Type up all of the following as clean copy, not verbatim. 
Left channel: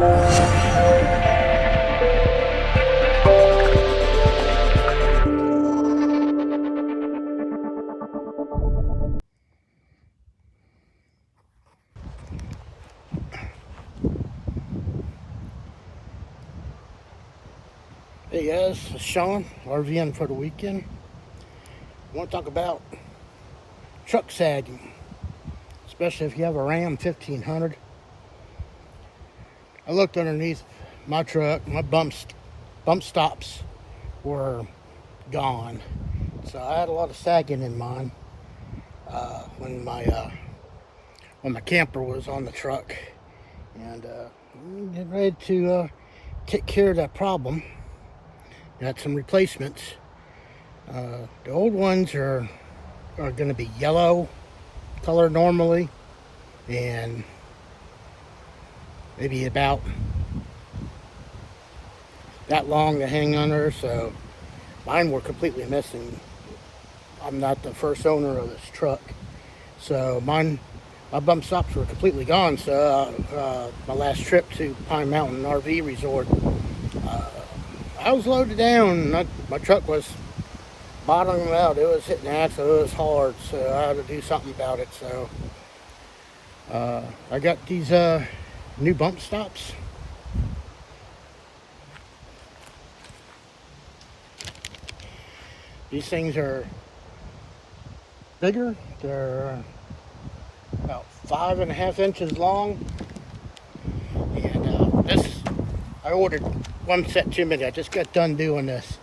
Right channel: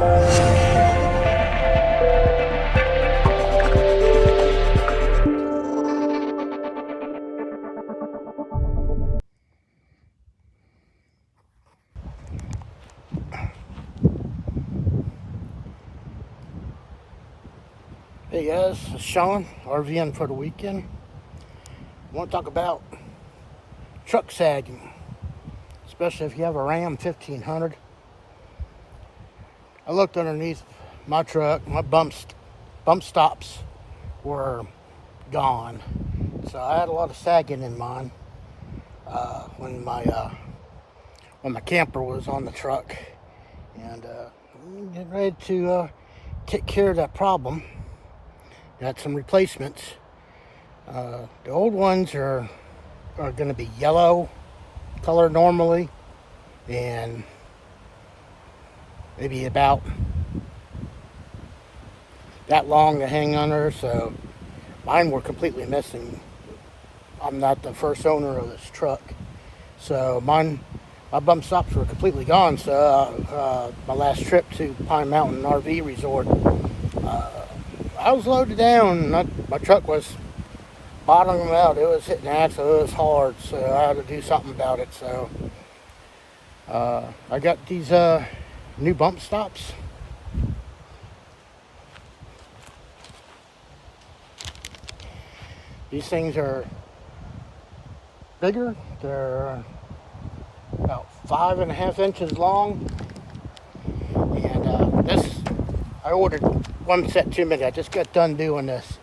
Hey guys, it's Sean, RV'ing for the weekend. I want to talk about truck sagging, especially if you have a Ram 1500. I looked underneath my truck, my bump stops were gone. So I had a lot of sagging in mine when my camper was on the truck. And I'm getting ready to take care of that problem. Got some replacements. The old ones are going to be yellow color normally, and maybe about that long to hang under. So mine were completely missing. I'm not the first owner of this truck, so my bump stops were completely gone. So my last trip to Pine Mountain RV Resort, I was loaded down. My truck was bottoming out. It was hitting axle. It was hard, so I had to do something about it. So I got these new bump stops. These things are bigger. They're about 5.5 inches long, and I ordered one set too many. I just got done doing this,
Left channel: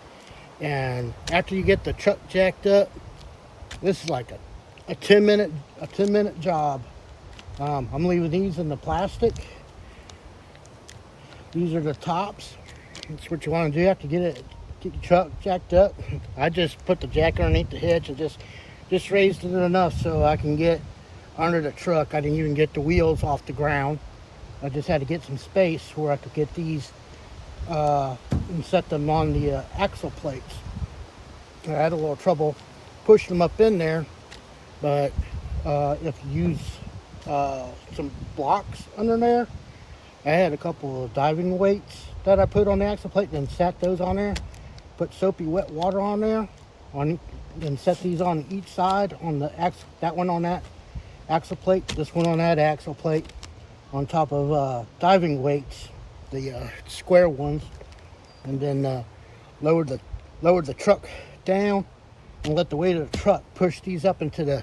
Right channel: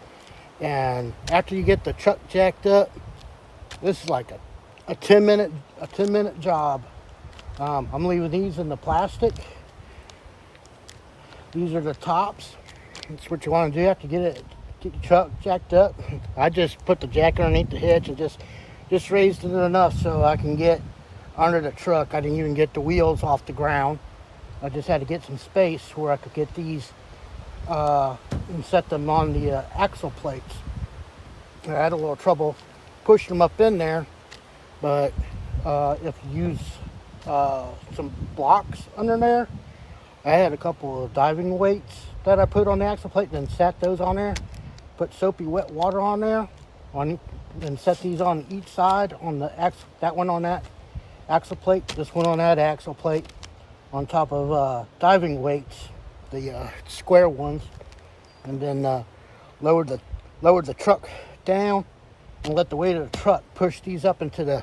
and after you get the truck jacked up, this is like a 10-minute job. I'm leaving these in the plastic. These are the tops. That's what you want to do after get the truck jacked up. I just put the jack underneath the hitch and just raised it enough so I can get under the truck. I didn't even get the wheels off the ground. I just had to get some space where I could get these and set them on the axle plates. I had a little trouble pushing them up in there, but if you use some blocks under there, I had a couple of diving weights that I put on the axle plate and sat those on there, put soapy wet water on there, and set these on each side on the that one on that axle plate, this one on that axle plate, on top of diving weights, the square ones, and then lowered the truck down and let the weight of the truck push these up into the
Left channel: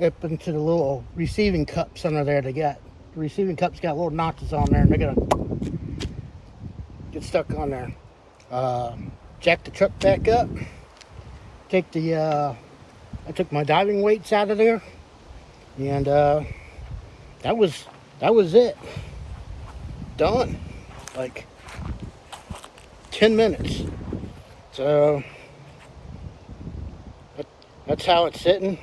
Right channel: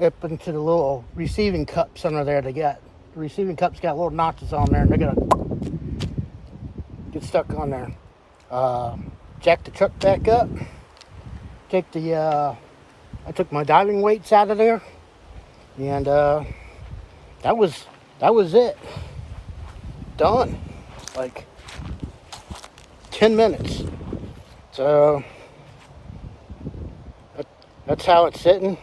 little receiving cups under there. The receiving cups got little notches on there, and they're gonna get stuck on there. Jack the truck back up. I took my diving weights out of there, and that was it. Done. Like 10 minutes. So that's how it's sitting.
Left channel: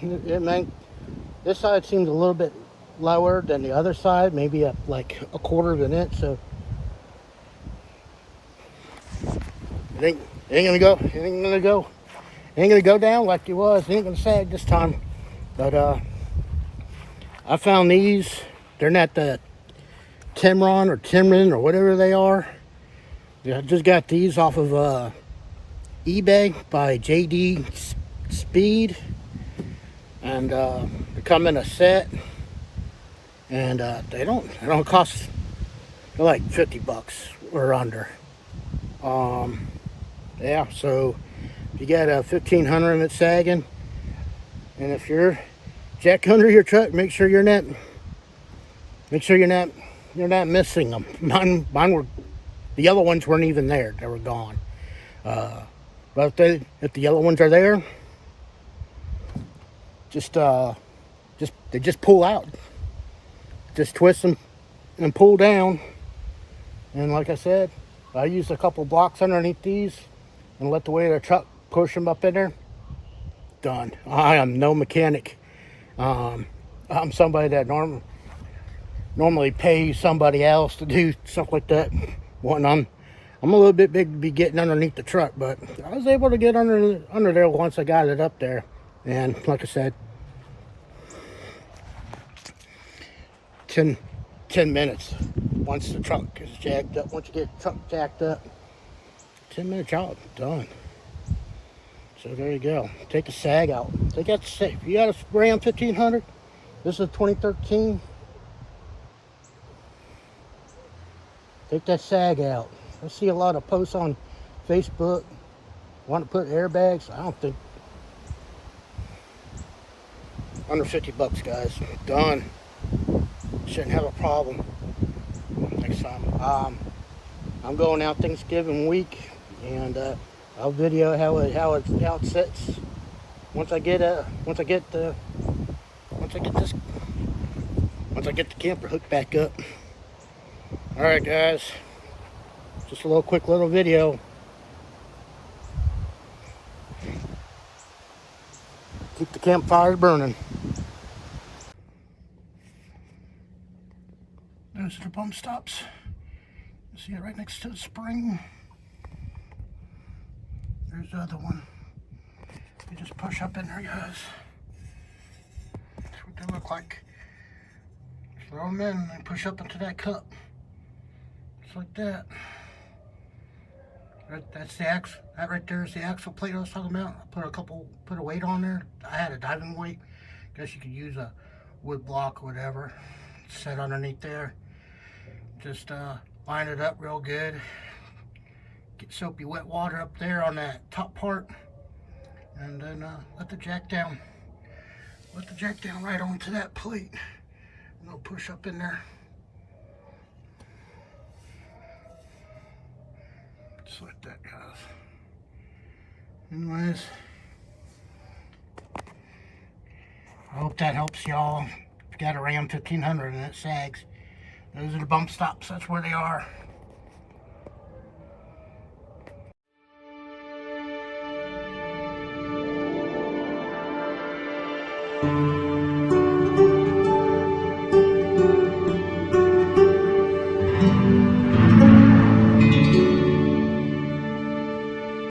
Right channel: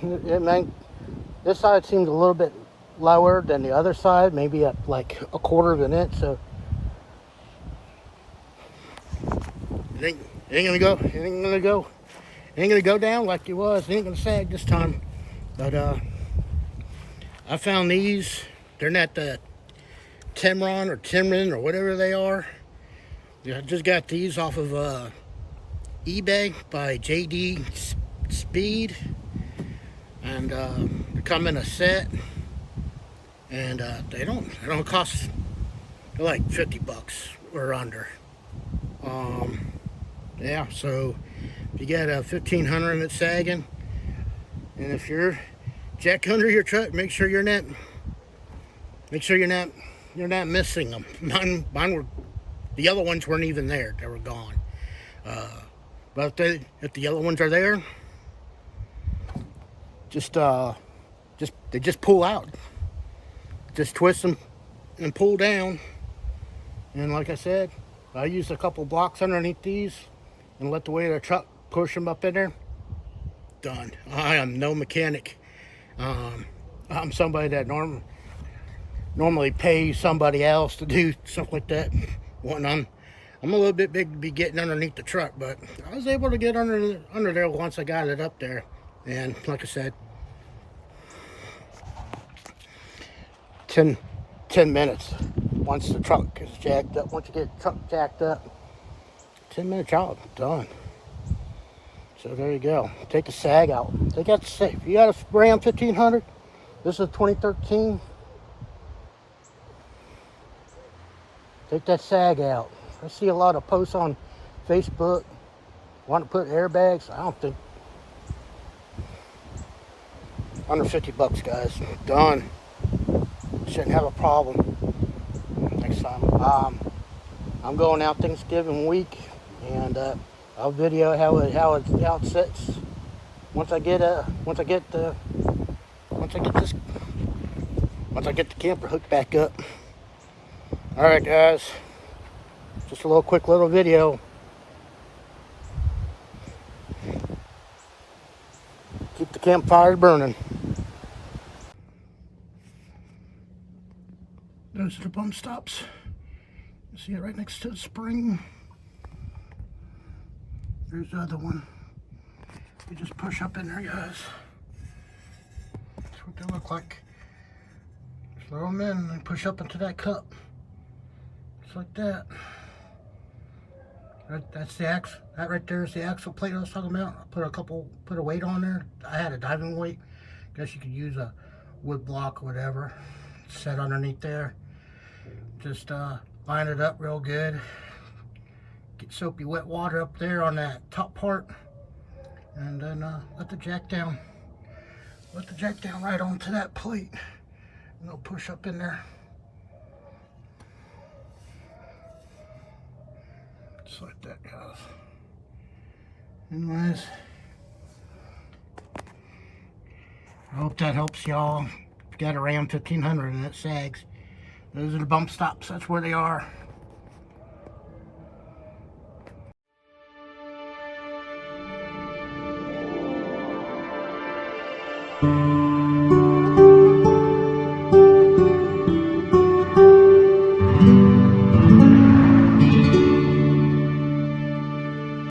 This side seems a little bit lower than the other side, maybe at like 1/4 of an inch. So it ain't gonna go down like it was. It ain't gonna sag this time. But I found these. They're not the Timron or Timron or whatever they are. I just got these off of eBay by JDMSPEED, and they come in a set, and they don't cost. They're like $50 or under. Yeah, so you got a 1500 that's sagging, and if you're jack under your truck, make sure you're not missing them. Mine were, the yellow ones weren't even there. They were gone. But if the yellow ones are there, they just pull out. Just twist them and pull down. And like I said, I used a couple blocks underneath these and let the weight of the truck push them up in there. Done. I am no mechanic. I'm somebody that normally pays somebody else to do something like that. I'm a little bit big to be getting underneath the truck, but I was able to get under there once I got it up there. And like I said, 10 10 minutes once the truck is jacked up. Once you get the truck jacked up, 10-minute job, done. So there you go. Take the sag out. Take out the sag. You got a Ram 1500. This is a 2013. Take that sag out. I see a lot of posts on Facebook want to put airbags. I don't think. Under 50 bucks, guys. Done. Shouldn't have a problem next time. I'm going out Thanksgiving week, and I'll video how it sits. Once I get the camper hooked back up. All right, guys. Just a quick little video. Keep the campfire burning. Those are the bump stops. You see it right next to the spring. There's the other one. You just push up in there, guys. That's what they look like. Throw them in and push up into that cup. Just like that. That's the axle. That right there is the axle plate I was talking about. I put a weight on there. I had a diving weight. Guess you could use a wood block or whatever. It's set underneath there. Just line it up real good. Get soapy wet water up there on that top part, and then let the jack down. Let the jack down right onto that plate, and it'll push up in there. Just like that, guys. Anyways, I hope that helps y'all. If you got a Ram 1500 and it sags, those are the bump stops. That's where they are.